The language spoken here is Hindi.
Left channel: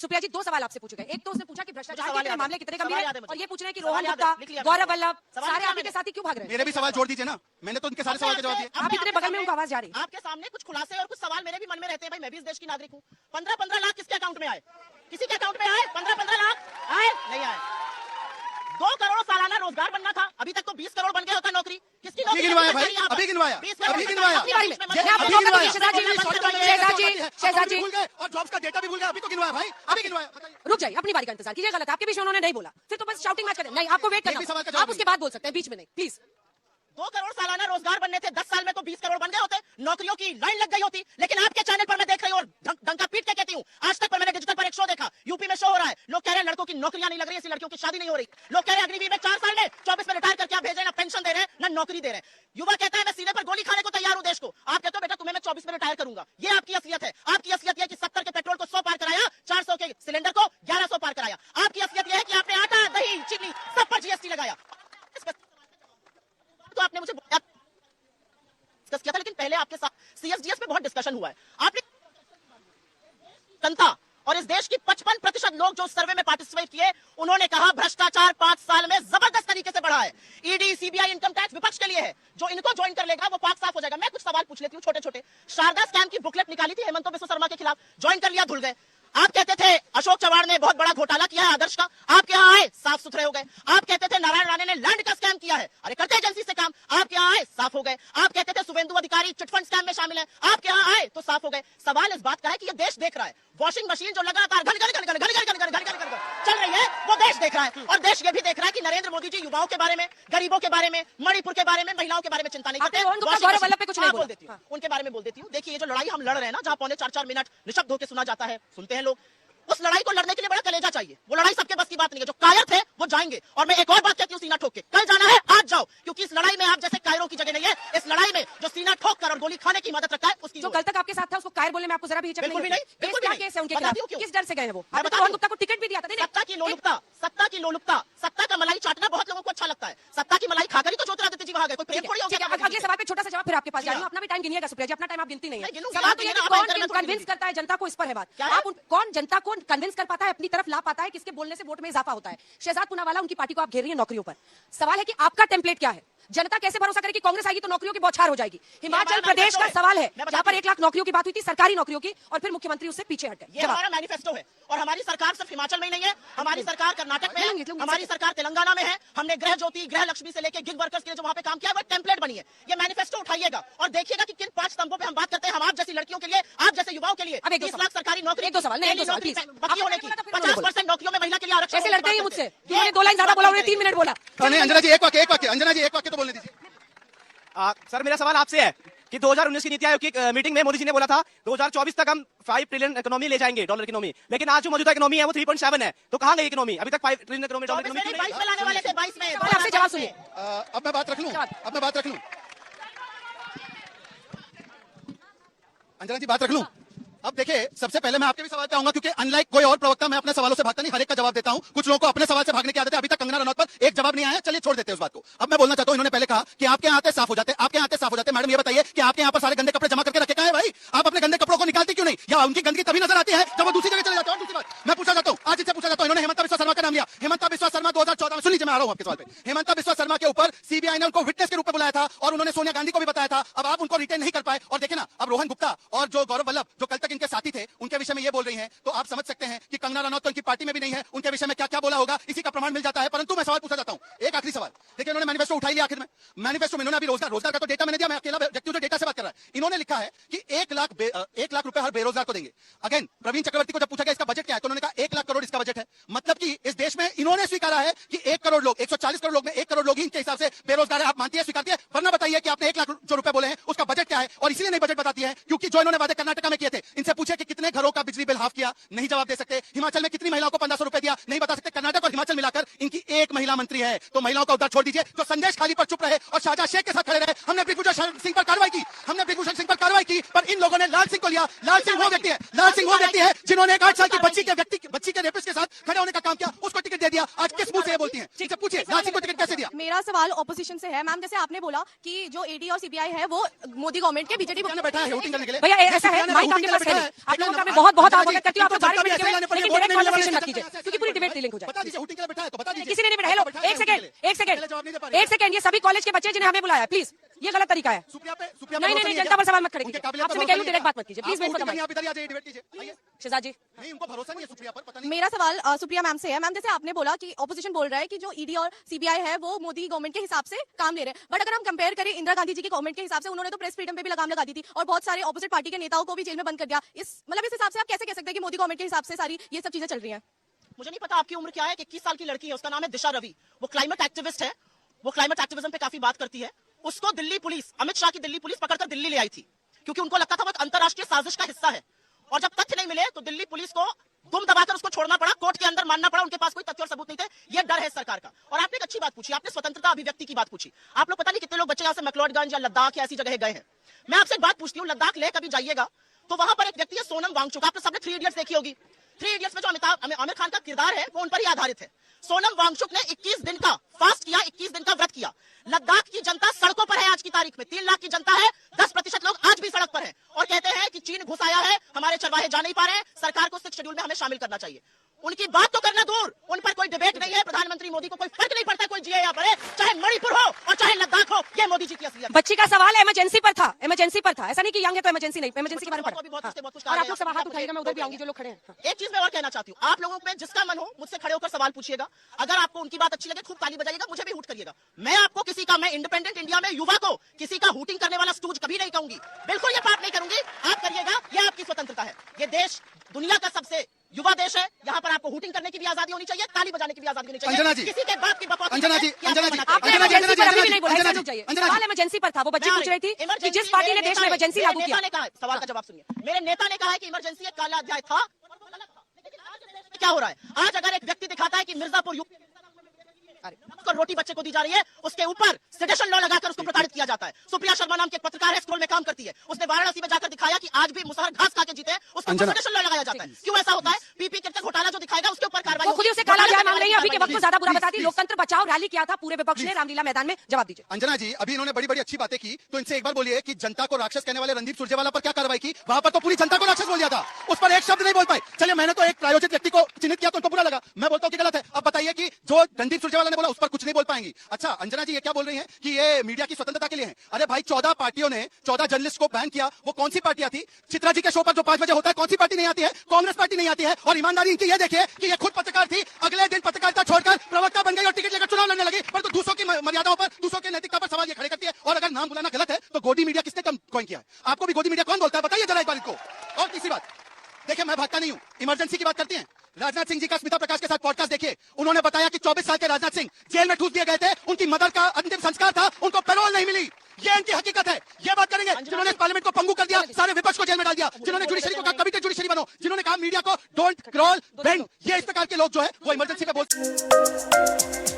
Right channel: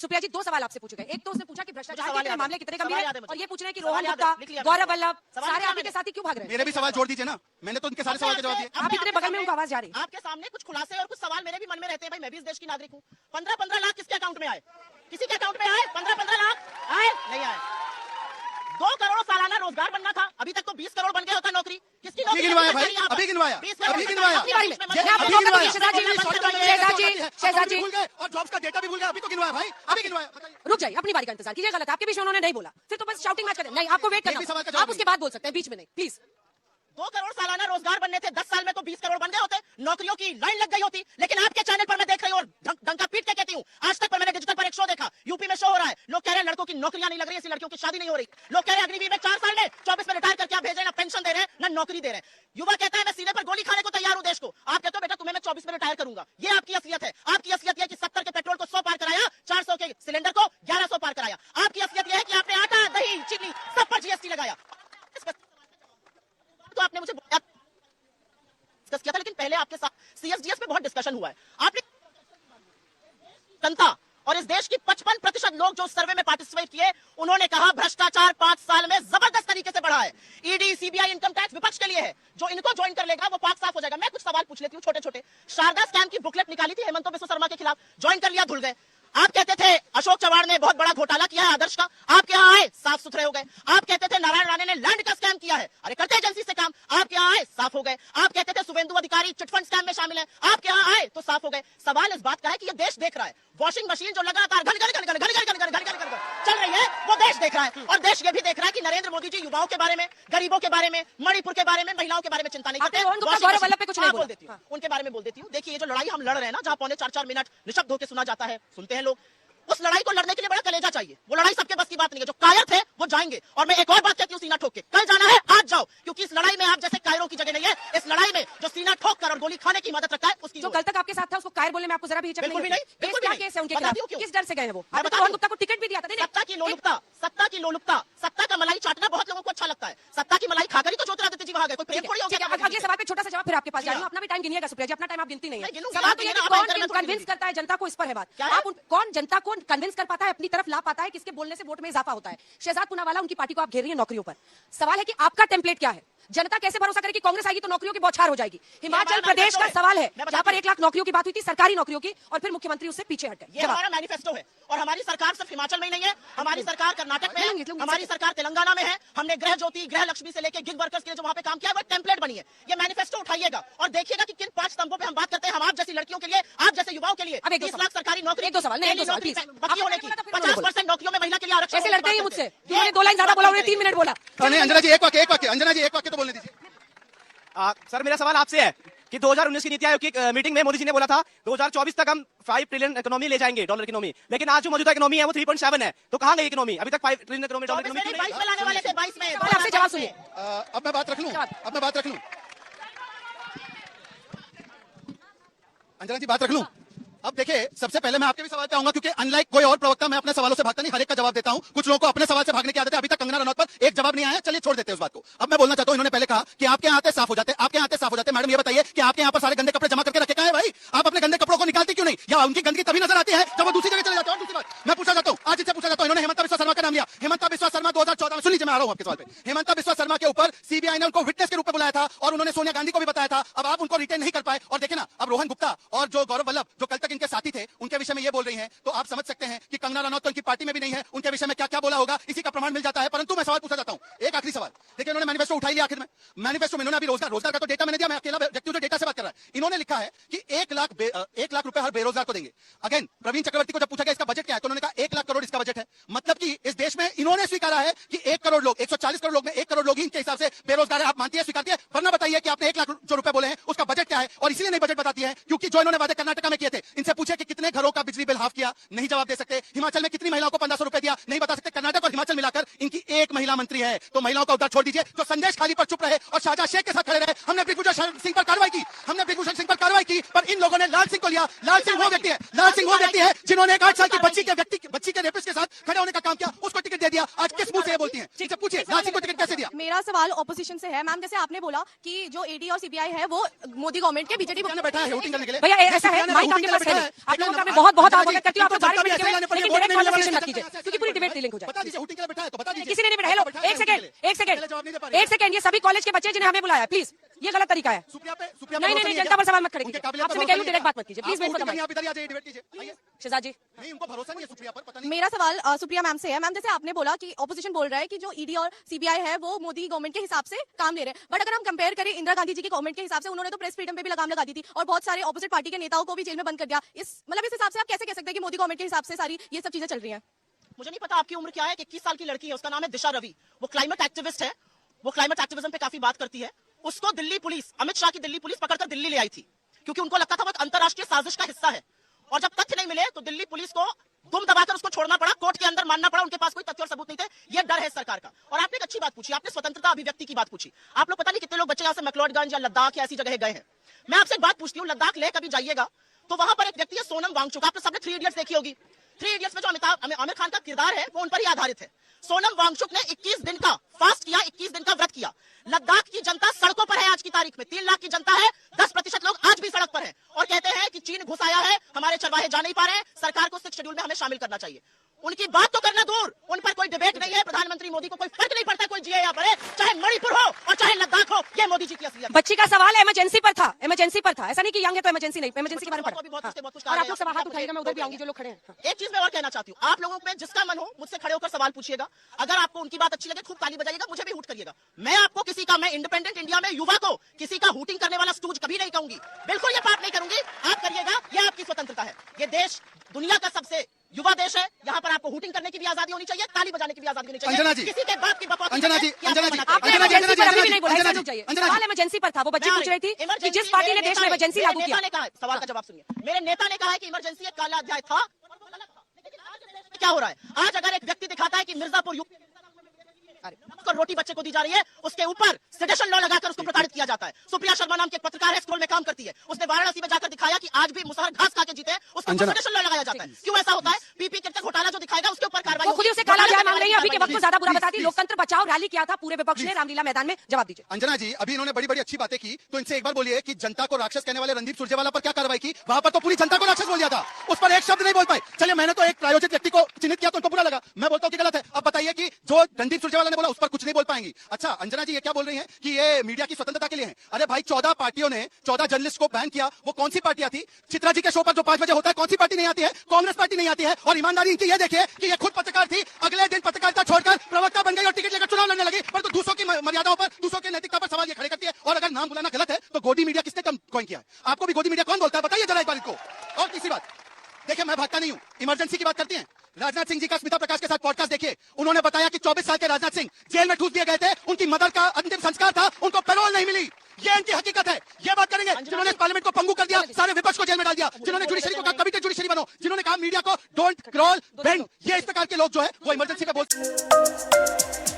सुप्रिया जी, 2 सवाल आपसे पूछे गए। एक तो उसने पूछा कि भ्रष्टाचार के मामले कितने गंभीर है, और ये पूछ रहे हैं कि रोहन गुप्ता, गौरव वल्लभ सारे आपके साथ ही क्यों भाग रहे हैं? मेरे भी सवाल जोड़ दीजिए ना, मैंने तो उनके सारे सवाल के जवाब दिए। आप इतने बगल में उनका आवाज जा रही है। आपके सामने कुछ खुलासे और कुछ सवाल मेरे भी मन में रहते हैं। मैं भी इस देश की नागरिक हूँ। 15-15 लाख किसके अकाउंट में आए? किसी के अकाउंट में आए? 15-15 लाख आए? नहीं आए। 2 करोड़ सालाना रोजगार बनना था, अभी तक तो 20 करोड़ बन गया होता है नौकरी। किसकी नौकरी गिनवाया भाई, अभी गिनवाया, अभी गिनवाया, शहजाद जी, और जॉब्स का डेटा भी भूल गया, अभी तो गिनवाया भाई, अभी गिनवाया। रुक जाइए, अपनी बारी का इंतजार कीजिए। गलत है, आपके बीच में उन्होंने नहीं बोला, फिर तो बस शाउटिंग मैच करें। नहीं, आपको वेट करना, आप उसके बाद बोल सकते हैं, बीच में नहीं, प्लीज। 2 करोड़ सालाना रोजगार बनने थे, 10 साल में तो 20 करोड़ बन गए होते, नौकरियों की लाइन लग गई होती। लेकिन आपके चैनल पर मैं देख रही हूँ और डंका पीट के कहती हूँ, आज तक मैंने डिजिटल पर एक शो देखा, यूपी में शो हो रहा है, लोग कह रहे हैं लड़कों की नौकरियां नहीं लग रही, इसलिए लड़कियों की शादी नहीं हो रही। लोग कह रहे हैं अग्निवीर में 4 साल में 24 में रिटायर करके आप भेजे, ना पेंशन दे रहे हैं ना नौकरी दे रहे हैं। युवा कहते हैं मैं सीने पर गोली खाने को तैयार हूँ देश को। आप कहते हो बेटा तुम्हें मैं 24 में रिटायर करूंगा। ये आपकी असलियत है। आपकी असलियत है कि 70 के पेट्रोल को 100 पार कराया, 400 के सिलेंडर को 1100 पार कराया। आपकी असलियत यह है कि आपने आटा, दही, चीनी सब पर जीएसटी लगाया। तो आपने मुझे डिस्कस किया था, लेकिन पहले आपके साथ सीएसडीएस पे बहुत डिस्कशन हुआ है। आपने जनता और इस देश की 55% लोग जो सर्वे में पार्टिसिपेट किए, उन्होंने कहा भ्रष्टाचार 5 साल में जबरदस्त तरीके से बढ़ा है। ईडी, सीबीआई, इनकम टैक्स विपक्ष के लिए है। जो इनको ज्वाइन कर लेगा वो पाक साफ हो जाएगा। मैं कुछ सवाल पूछ लेती हूँ छोटे छोटे। शारदा स्कैम की बुकलेट निकाली थी हेमंत बिस्वा शर्मा के खिलाफ, ज्वाइन कर लिया, धुल गए। आप कहते थे अशोक चव्हाण ने बहुत बड़ा घोटाला किया है आदर्श का, आपके यहाँ आए साफ सुथरे हो गए। आप कहते थे नारायण राणे ने लैंड का स्कैम किया है, अरे करते एजेंसी से काम, आपके यहाँ आए साफ हो गए। आप कहते थे शुभेंदु अधिकारी चिटफंड स्कैम में शामिल है, आपके यहाँ आए तो साफ हो गए। सवाल इस बात का है कि ये देश देख रहा है, वॉशिंग मशीन जो लगातार घन चल रही है, वो देश देख रहा है। और देश ये भी देख रहा है कि नरेंद्र मोदी जी युवाओं के बारे में, गरीबों के बारे में, मणिपुर के बारे में, महिलाओं के बारे में चिंता नहीं करते। गौरव वल्लभ पे कुछ नहीं बोल देती हूँ, उनके बारे में बोल देती हूँ। देखिए ये जो लड़ाई हम लड़ रहे हैं ना, जहाँ 3.25 मिनट निशब्द होकर सुना जाता है, सुनते हैं लोग, उस लड़ाई को लड़ने के लिए बड़ा कलेजा चाहिए। वो लड़ाई सबके बस की बात नहीं है। जो कायर थे वो जाएंगे। और मैं एक और बात कहती हूँ, सीना ठोक के कल जाना है आज जाओ, क्योंकि इस लड़ाई में आप जैसे कायरों की जगह नहीं है। इस लड़ाई में जो सीना ठोक कर और गोली खाने की मदद रखता है, उसकी जो कल तक आपके साथ था उसको कायर बोलने में आपको जरा भी हिचक बिल्कुल भी नहीं, बिल्कुल क्या केस है उनके खिलाफ? किस डर से गए वो? मैं बता रोहन गुप्ता को टिकट भी दिया था। सत्ता की लोलुपता, सत्ता की लोलुपता, सत्ता का मलाई चाटना बहुत लोगों को अच्छा लगता है। सत्ता की मलाई खाकर ही तो ज्योतिरादित्य जी वहां गए। कोई प्रेम थोड़ी होगी। अगले सवाल पे छोटा सा जवाब फिर आपके पास जा रहा हूं। अपना भी टाइम गिनिएगा सुप्रिया जी, अपना टाइम आप गिनती नहीं है। गिनूंगा। कौन कन्विंस करता है जनता को, इस पर है बात। कौन जनता को कन्विंस कर पाता है, अपनी तरफ ला पाता है, किसके बोलने से वोट में इजाफा होता है? शहजाद पूनावाला, उनकी पार्टी को आप घेर रही है नौकरियों पर। सवाल है कि आपका टेम्पलेट क्या है? जनता कैसे भरोसा करे कि कांग्रेस आएगी तो नौकरियों की बौछार हो जाएगी? हिमाचल प्रदेश का सवाल है जहां पर 1 लाख नौकरियों की बात हुई थी, सरकारी नौकरियों की, और फिर मुख्यमंत्री उससे पीछे हट गए। ये हमारा मैनिफेस्टो है। और हमारी सरकार सिर्फ हिमाचल में ही नहीं है, हमारी सरकार कर्नाटक में है, हमारी सरकार तेलंगाना में है। हमने गृह ज्योति, गृह लक्ष्मी से लेकर गिग वर्कर्स के लिए जो वहाँ पे काम किया, वो टेम्पलेट बनी है। ये मैनिफेस्टो उठाइएगा और देखिएगा कि किन 5 स्तंभों पे हम बात करते हैं। हम आप जैसी लड़कियों के लिए, आप जैसे युवाओं के लिए 30 लाख सरकारी नौकरी, 1-2 सवाल नहीं, 1-2 सवाल प्लीज। बाकी होने की 50% नौकरियों में महिला के लिए आरक्षण। ऐसे लड़ते हैं मुझसे, उन्होंने 2 लाइन ज्यादा बोला, उन्होंने 3 मिनट बोला। अंजना जी एक वाक्य, अंजना जी एक वाक्य तो बोलने दीजिए। सर मेरा सवाल आपसे है कि 2019 की नीति आयोग की मीटिंग में मोदी जी ने बोला था 2024 तक हम 5 ट्रिलियन इकोनॉमी ले जाएंगे, डॉलर इकोनॉमी। लेकिन आज जो मौजूदा इकोनॉमी है वो 3.7 है, तो कहाँ गई इकोनॉमी? अभी तक 5 ट्रिलियन इकोनॉमी, डॉलर इकोनॉमी क्यों नहीं? लाने वाले थे 22 में। अब मैं बात रख लूं, अंजना जी बात रख लूं। अब देखिए, सबसे पहले मैं आपके भी सवाल पे आऊंगा, क्योंकि अनलाइक कोई और प्रवक्ता मैं अपने सवालों से भागता नहीं, हर एक का जवाब देता हूं। कुछ लोगों को अपने सवाल से भागने की आदत है। अभी तक कंगना रनौत पर एक जवाब नहीं आया, चलिए छोड़ देते हैं उस बात को। अब मैं बोलना चाहता हूं, इन्होंने पहले कहा कि आपके यहाँ आते साफ हो जाते हैं, आपके यहाँ आते साफ हो जाते हैं। मैडम ये बताइए कि आपके यहाँ पर सारे गंदे कपड़े जमा करके रखे हैं भाई? आप अपने गंदे कपड़ों को निकालते क्यों नहीं? या उनकी गंदगी तभी नजर आती है जब वो दूसरी जगह चले जाते हैं? दूसरी बात मैं पूछा जाता हूँ, आज इससे पूछा जाता हूँ, इन्होंने हेमंत बिस्वा शर्मा का नाम लिया। हेमंत बिस्वा शर्मा 2014 में, सुन लीजिए मैं आ रहा हूँ आपके सवाल पे। हेमंत बिस्वा शर्मा के ऊपर सीबीआई ने उनको विटनेस के रूप में बुलाया था और उन्होंने सोनिया गांधी को भी बताया था। अब आप उनको रिटेन नहीं कर पाए। और देखिए ना, अब रोहन गुप्ता और जो गौरव वल्लभ जो कल तक इनके साथी थे, उनके विषय में ये बोल रही हैं, तो आप समझ सकते हैं कि कंगना रनौत तो इनकी पार्टी में भी नहीं है, उनके विषय में क्या क्या बोला होगा इसी का प्रमाण मिल जाता है। परंतु मैं सवाल पूछा जाता हूँ, एक आखिरी सवाल। देखिए, इन्होंने मैनिफेस्टो उठाई लिया आखिर में। मैनिफेस्टो में इन्होंने अभी रोजगार का तो डेटा मैंने दिया, मैं अकेला व्यक्ति जो डेटा से बात कर रहा है। इन्होंने लिखा है कि 1 लाख रुपए हर बेरोजगार को देंगे। अगेन प्रवीण चक्रवर्ती को जब पूछा गया इसका बजट क्या है, तो उन्होंने कहा 1 लाख करोड़ इसका बजट है। मतलब कि इस देश में इन्होंने स्वीकारा है कि 1 करोड़ लोग, 140 करोड़ लोग में 1 करोड़ लोग ही इनके हिसाब से बेरोजगार है। आप मानती है, स्वीकारती है? वरना बताइए कि आपने 1 लाख जो रुपए बोले हैं उसका बजट क्या है? और इसीलिए नहीं बजट बताती है क्योंकि जो इन्होंने वादे कर्नाटक में किए थे, इनसे पूछे कि कितने घरों का बिजली बिल हाफ किया, नहीं जवाब दे सकते। हिमाचल में कितनी महिलाओं को 1500 रुपए दिया, नहीं बता सकते। कर्नाटक और हिमाचल मिलाकर इनकी एक महिला मंत्री है, तो महिलाओं का उद्धार छोड़ दीजिए। तो संदेश खाली पर चुप रहे और शाहजहां शेख के साथ खड़े रहे। हमने दिग्विजय सिंह पर कार्रवाई की, पर इन लोगों ने लाल सिंह को लिया। लाल सिंह वो व्यक्ति है जिन्होंने 8 साल की बच्ची के रेपिस्ट के साथ खड़े होने का काम किया, उसको टिकट दे दिया। आज किस मुंह से ये बोलती है? ठीक है, पूछिए लाल सिंह को टिकट कैसे दिया? मेरा सवाल ऑपोजिशन से है मैम, जैसे आपने बोला कि जो ईडी और सीबीआई है वो मोदी गवर्नमेंट के बीजेपी बनाना पड़ता है। बहुत बहुत आप करती हूँ, क्योंकि पूरी डिबेट लिंक हो जाए। बता दीजिए, हुटिंग के लिए बैठा है तो बता दीजिए। किसी ने नहीं बनाया। हेलो, एक सेकंड, ये सभी कॉलेज के बच्चे जिन्हें हमें बुलाया, प्लीज ये गलत तरीका है। नहीं, जनता पर सवाल मत करें, आपसे मैं कह रही हूँ डायरेक्ट बात मत कीजिए प्लीज। शहजाद जी, उनको भरोसा नहीं है सुप्रिया पर, पता नहीं। मेरा सवाल सुप्रिया मैम से है। मैम, जैसे आपने बोला कि ऑपोजिशन बोल रहा है कि जो ईडी और सीबीआई है वो मोदी गवर्नमेंट के हिसाब से काम ले रहे हैं, बट अगर हम कंपेयर करें इंदिरा गांधी जी की गवर्नमेंट के हिसाब से, उन्होंने तो प्रेस फ्रीडम पे भी लगाम लगा दी थी और बहुत सारे ऑपोजिट पार्टी के नेताओं को भी जेल में बंद कर दिया। इस हिसाब से आप कैसे कह सकते हैं कि मोदी गवर्नमेंट के हिसाब से सारी ये सब चीजें चल रही है? मुझे नहीं पता आपकी उम्र क्या है। 21 साल की लड़की है, उसका नाम है दिशा रवि। वो क्लाइमेट एक्टिविस्ट है, वो क्लाइमेट एक्टिविज्म पे काफी बात करती है। उसको दिल्ली पुलिस, अमित शाह की दिल्ली पुलिस पकड़कर दिल्ली ले आई थी, क्योंकि उनको लगता था वो एक अंतरराष्ट्रीय साजिश का हिस्सा है। और जब तथ्य नहीं मिले तो दिल्ली पुलिस को दुम दबाकर उसको छोड़ना पड़ा, कोर्ट के अंदर मानना पड़ा। उनके पास कोई तथ्य और सबूत नहीं थे। ये डर है सरकार का। और आपने एक अच्छी बात पूछी, आपने स्वतंत्रता अभिव्यक्ति की बात पूछी। आप लोग पता नहीं कितने लोग बच्चे यहाँ से मैक्लोडगंज या लद्दाख या ऐसी जगह गए हैं। मैं आपसे बात पूछती हूँ, लद्दाख ले कभी जाइएगा तो वहां पर एक व्यक्ति है सोनम वांगचुक। आपने सबने 3 इडियट्स देखी होगी। 3 इडियट्स में जो आमिर खान का किरदार है वो उन पर ही आधारित है। सोनम वांगचुक ने 21 दिन का फास्ट किया, 21 दिन का व्रत किया। लद्दाख की जनता सड़कों पर है आज की तारीख में। 3 लाख की जनता है, 10% लोग आज भी सड़क पर है और कहते हैं कि चीन घुस आया है, हमारे चरवाहे जा नहीं पा रहे, सरकार को 6 शेड्यूल में हमें शामिल करना चाहिए। उनकी बात तो करना दूर, उन पर कोई डिबेट नहीं है। प्रधानमंत्री मोदी को कोई फर्क नहीं पड़ता कोई जिए या बढ़े, चाहे मणिपुर हो और चाहे लद्दाख हो, ये मोदी जी के लिए। बच्ची का सवाल इमरजेंसी पर था, इमरजेंसी पर था। ऐसा नहीं कि यंग है तो इमरजेंसी नहीं, इमरजेंसी के बारे में पढ़ा। बहुत कुछ और आप लोग से हाथ उठाइएगा, मैं उधर भी आऊंगी जो लोग खड़े हैं। एक चीज मैं और कहना चाहती हूँ, आप लोगों में जिसका मन हो मुझसे खड़े होकर सवाल पूछिएगा। अगर आपको उनकी बात अच्छी लगे खूब ताली बजाइएगा, मुझे भी हुट करिएगा। मैं आपको किसी का, मैं इंडिपेंडेंट इंडिया में युवा को किसी का हुटिंग करने वाला स्टूज कभी नहीं कहूंगी। बिल्कुल ये बात नहीं करूंगी। आप करिएगा, ये आपकी स्वतंत्रता है। ये देश दुनिया का सबसे युवा देश है। यहाँ पर आपको हुटिंग करने की भी आजादी होनी चाहिए, ताली बजाने की भी आजादी होनी चाहिए। अंजना जी, किसी के बात की बकवास अंजना जी, इमरजेंसी पर था। वो बच्ची पूछ रही थी कि जिस पार्टी ने देश में इमरजेंसी लागू किया। सवाल का जवाब सुनिए। मेरे नेता ने कहा है कि इमरजेंसी एक काला अध्याय था। क्या हो रहा है आज? अगर एक व्यक्ति दिखाता है कि मिर्जापुर को रोटी बच्चे को दी जा रही है, उसके ऊपर सेडेशन लॉ लगाकर उसको प्रताड़ित किया जाता है। सुप्रिया शर्मा नाम की एक पत्रकार है, स्कूल में काम करती है। उसने वाराणसी में जाकर दिखाया कि आज भी मुसहर घास खा के जीते, उसको सेडेशन लॉ लगाया जाता है। क्यों ऐसा होता है? पीपी किट का घोटाला जो दिखाएगा उसके ऊपर कार्रवाई। खुद उसे काला अध्याय मांग रही है। अभी के वक्त को ज्यादा बुरा बताती। लोकतंत्र बचाओ रैली किया था पूरे विपक्ष ने रामलीला मैदान में। जवाब दीजिए। अंजना जी, अभी इन्होंने बड़ी बड़ी अच्छी बातें की, तो इनसे एक बार बोलिए कि जनता को राक्षस कहने वाले रणदीप सुरजेवाला पर क्या कार्रवाई की? वहां पर तो पूरी जनता को राक्षस बोल दिया था, उस पर एक शब्द नहीं बोल पाए। चलिए, मैंने तो एक प्रायोजित व्यक्ति को चिन्हित किया तो उनको बुरा लगा। मैं बोलता हूँ कि गलत है। अब बताइए कि जो रणदीप सुरजेवाला ने बोला उस पर कुछ नहीं बोल पाएंगी। अच्छा, अंजना जी ये क्या बोल रही हैं कि ये मीडिया की स्वतंत्रता के लिए है? अरे भाई, 14 पार्टियों ने 14 जर्नलिस्ट को बैन किया। वो कौन सी पार्टियां थी? चित्रा जी के शो पर जो 5 बजे होता है, कौन सी पार्टी नहीं आती है? कांग्रेस पार्टी नहीं आती है। और ईमानदारी इनकी ये देखिए कि ये खुद पत्रकार थी, अगले दिन पत्रकारिता छोड़कर प्रवक्ता बन गई और टिकट लेकर चुनाव लड़ने लगी। और तो दूसरों की मर्यादाओं पर, दूसरों की नैतिकता पर सवाल ये खड़े करती है। और अगर नाम बुलाना गलत है तो गोदी मीडिया किसने कॉइन किया है? आपको भी गोदी मीडिया कौन बोलता है? बताइए जरा एक बार इनको। और तीसरी बात, देखिए मैं भागता नहीं हूँ। इमरजेंसी की बात करते हैं। राजनाथ सिंह जी का स्मिता प्रकाश के साथ पॉडकास्ट देखिए। उन्होंने बताया कि 24 साल के राजनाथ सिंह जेल में ठूस दिए गए थे। उनकी मदर का अंतिम संस्कार था, उनको पैरोल नहीं मिली। ये इनकी हकीकत है। ये बात करेंगे जिन्होंने पार्लियामेंट को पंगु कर दिया, सारे विपक्ष को जेल में डाल दिया, जिन्होंने जुडिशरी को कहा कभी तो जुडिशरी बनो, जिन्होंने कहा मीडिया को डोंट क्रॉल बेंड। ये इस प्रकार के लोग जो है वो इमरजेंसी का बोल